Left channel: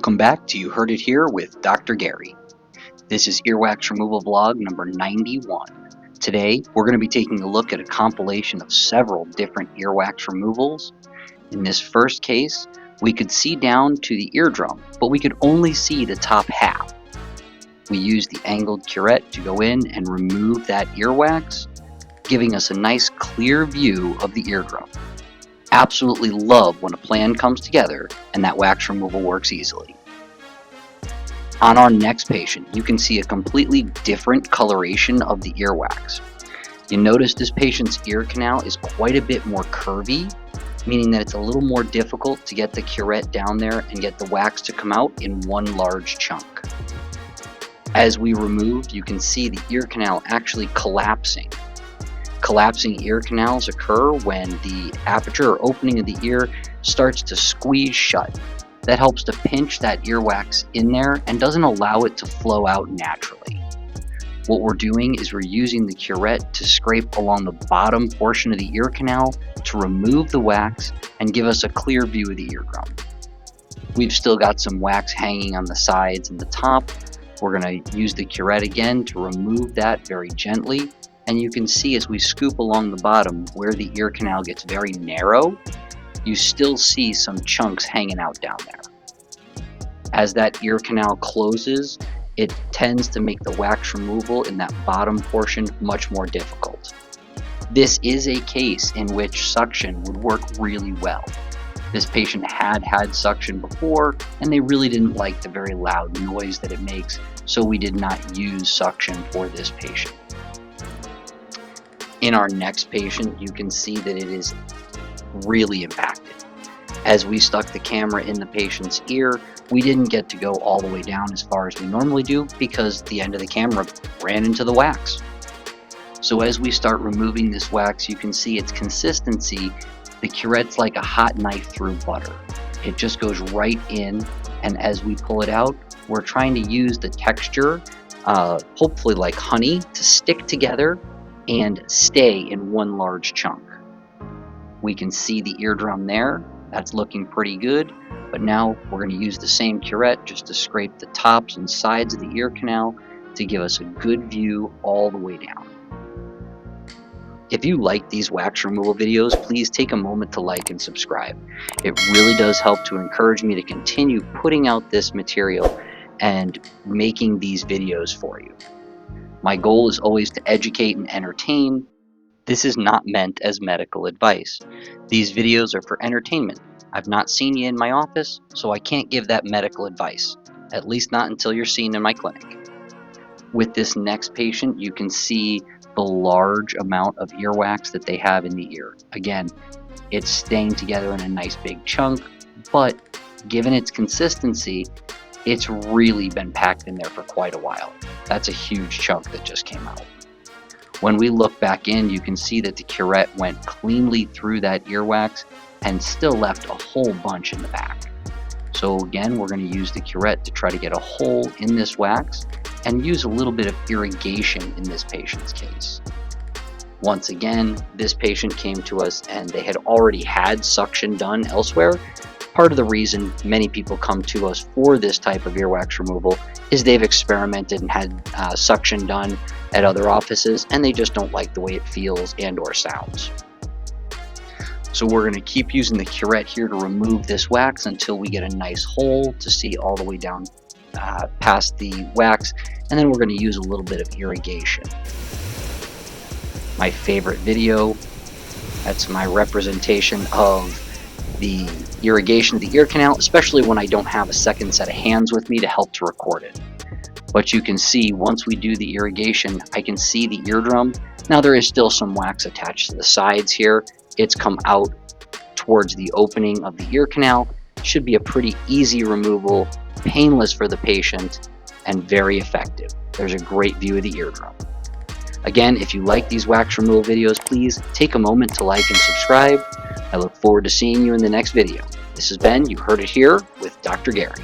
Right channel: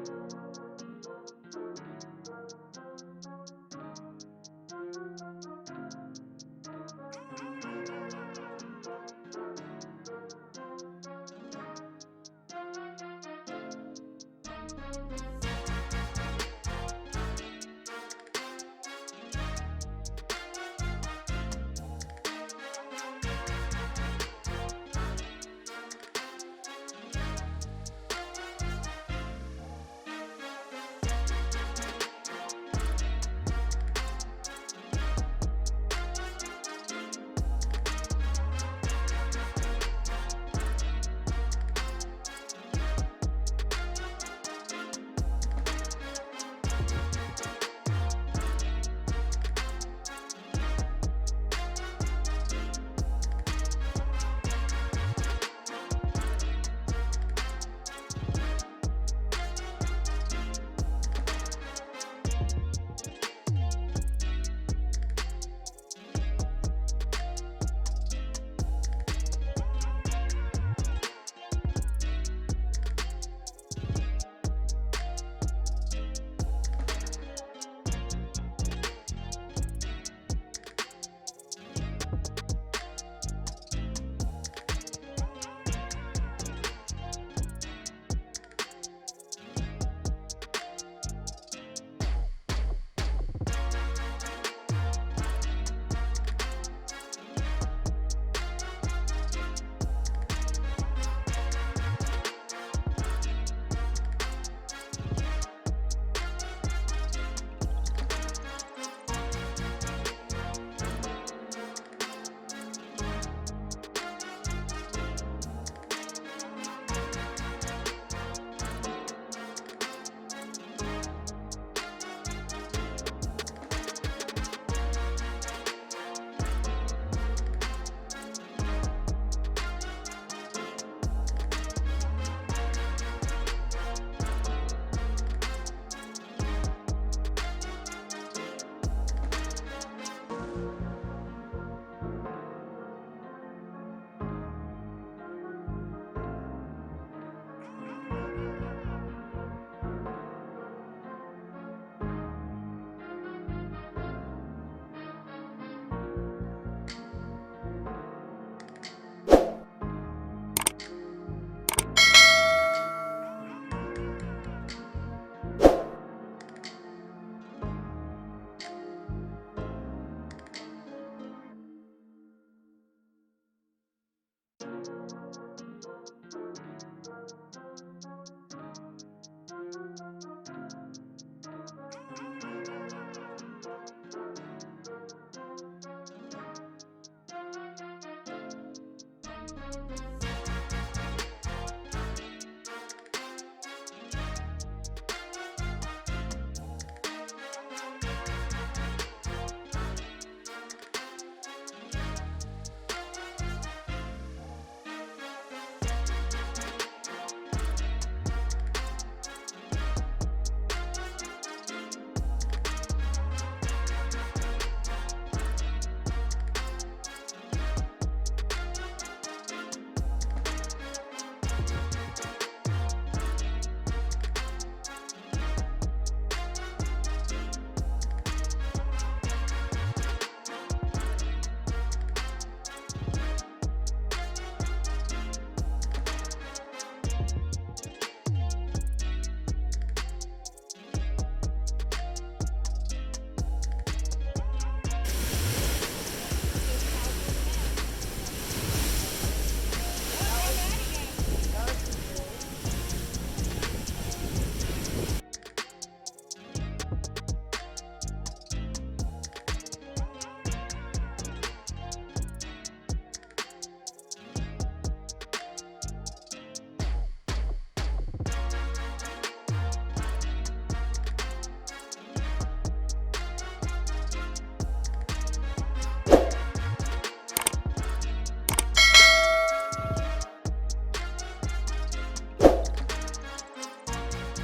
Welcome back to You Heard It Here with Dr. Gary. This is Earwax Removal Vlog number 91. Today, we're going to be taking a look at a compilation of several different earwax removals. In this first case, we could see down to the eardrum, but we could only see the top half. We used the angled curette to go in and remove that earwax, giving us a nice clear view of the eardrum. Absolutely love when a plan comes together and that wax removal works easily. On our next patient, you can see a completely different coloration of the earwax. You notice this patient's ear canal is quite a bit more curvy, meaning that it's a little more difficult to get the curette down there and get the wax to come out in one large chunk. As we removed, you can see the ear canal actually collapsing. Collapsing ear canals occur when the aperture or opening of the ear starts to squeeze shut. That helps to pinch that earwax in there and doesn't allow it to flow out naturally. What we're doing is we're using the curette to scrape along the bottom portion of the ear canal to remove the wax and give us a clear view of the eardrum. We've still got some wax hanging on the sides and the top. We're going to use the curette again to remove that very gently. And you can see as we scoop along the bottom where the ear canal gets very narrow, you still see some chunks hanging out down there. As that ear canal closes, it tends to make the wax removal in that bottom portion much more difficult. This is a case in which suction would work really well. This patient had suction before, and they really didn't like the very loud noise that it makes, so we did not use suction for this patient. In our next patient, you can see that it is really impacted. As we stuck the camera in the patient's ear, we didn't get to go all the way down as far as we normally do because the end of the camera ran into the wax. So as we start removing this wax, you can see its consistency. The curette's like a hot knife through butter. It just goes right in, and as we pull it out, we're trying to use the texture, hopefully like honey, to stick together and stay in one large chunk. We can see the eardrum there. That's looking pretty good, but now we're going to use the same curette just to scrape the tops and sides of the ear canal to give us a good view all the way down. If you like these wax removal videos, please take a moment to like and subscribe. It really does help to encourage me to continue putting out this material and making these videos for you. My goal is always to educate and entertain. This is not meant as medical advice. These videos are for entertainment. I've not seen you in my office, so I can't give that medical advice, at least not until you're seen in my clinic. With this next patient, you can see the large amount of earwax that they have in the ear. Again, it's staying together in a nice big chunk, but given its consistency, it's really been packed in there for quite a while. That's a huge chunk that just came out. When we look back in, you can see that the curette went cleanly through that earwax and still left a whole bunch in the back. So again, we're going to use the curette to try to get a hole in this wax and use a little bit of irrigation in this patient's case. Once again, this patient came to us and they had already had suction done elsewhere. Part of the reason many people come to us for this type of earwax removal is they've experimented and had suction done at other offices and they just don't like the way it feels and or sounds. So we're going to keep using the curette here to remove this wax until we get a nice hole to see all the way down past the wax, and then we're going to use a little bit of irrigation. My favorite video, that's my representation of the irrigation of the ear canal, especially when I don't have a second set of hands with me to help to record it. But you can see once we do the irrigation, I can see the eardrum. Now there is still some wax attached to the sides here. It's come out towards the opening of the ear canal. Should be a pretty easy removal, painless for the patient, and very effective. There's a great view of the eardrum. Again, if you like these wax removal videos, please take a moment to like and subscribe. I look forward to seeing you in the next video. This has been You Heard It Here with Dr. Gary.